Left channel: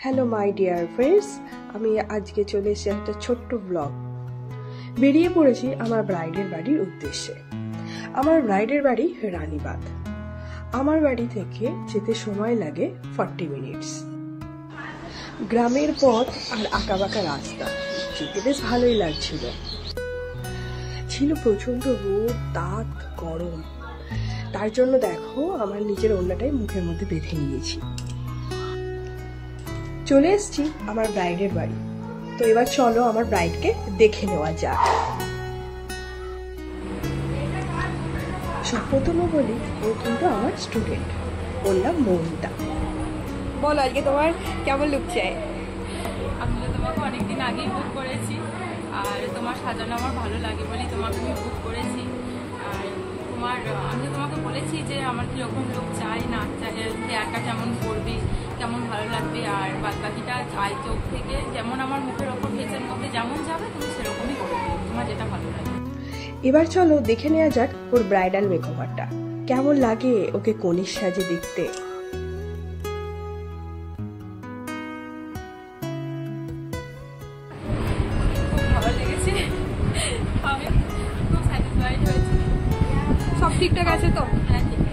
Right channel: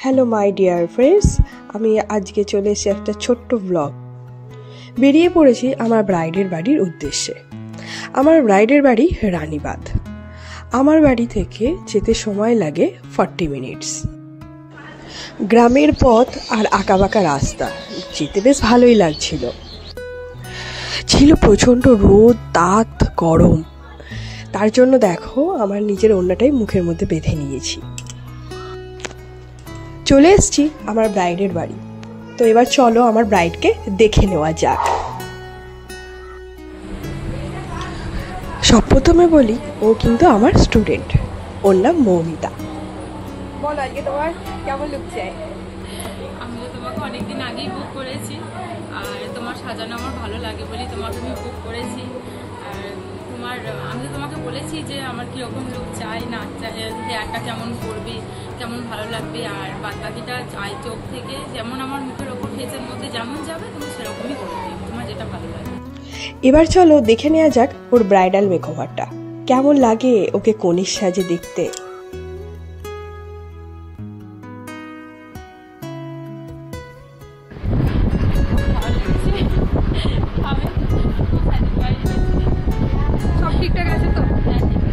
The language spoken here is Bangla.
হ্যালো মাই ডিয়ার ফ্রেন্ডস, আমি আজকে চলে এসেছি একটা ছোট্ট ব্লগ। বেরিয়ে পড়েছি আমার ব্রাইডের বাড়ির উদ্দেশ্যে। আমার ব্রাইডের বাড়ি রানীবাঁধ। আমার বাড়ি থেকে যেতে সময় লাগে 40 মিনিটস। গ্রামের পথ আর আঁকাবাঁকা রাস্তা, যেতে বেশ ভালোই লাগছিল। ছিল প্রচণ্ড রোদ, তাত, গরম। তার জন্য দেখো আমার নিজের ওড়নাটাই মুখের মধ্যে বেঁধে নিয়েছি। চলে এসেছি আমার ব্রাইডের বাড়ি। তো এবার চলো আমার ব্রাইডকে দেখে নেওয়া যাক। সব প্রথমে বলি, ও কিন্তু আমার স্টুডেন্ট। ওর নাম মৌমিতা। বলো আজকে তোমার কেমন লুক চাই? আমি তো তোমাকে অনেকদিন আগেই বুক করেছি, আর তোমার সাজানো আমার ভালো লাগে বলেই তোমাকে আমি বুক করেছি। আর আমি তো তোমাকে বলেছি যে আমার কীরকম লুক চাই, না চাই, হেয়ারটা কেমন করবে, কেমন ভালো লাগবে, আর বাদ বাকিটা আই চোখ থেকে যেমন আমার মুখের ওপর ফেসের মধ্যে যেমন যাবে তুমি সেরকমই করবে, তোমার যেটা ভালো লাগে। এবার চলো দেখে নেওয়া যাক ওর ব্রাইডাল মেকওভারটা কেমন লাগে, ওকে কনের সাজে দেখতে। ভালো লেগেছে, আমি খুব স্যাটিসফাইড হয়েছি। সব ঠিকঠাক আছে তো? হ্যাঁ, ঠিক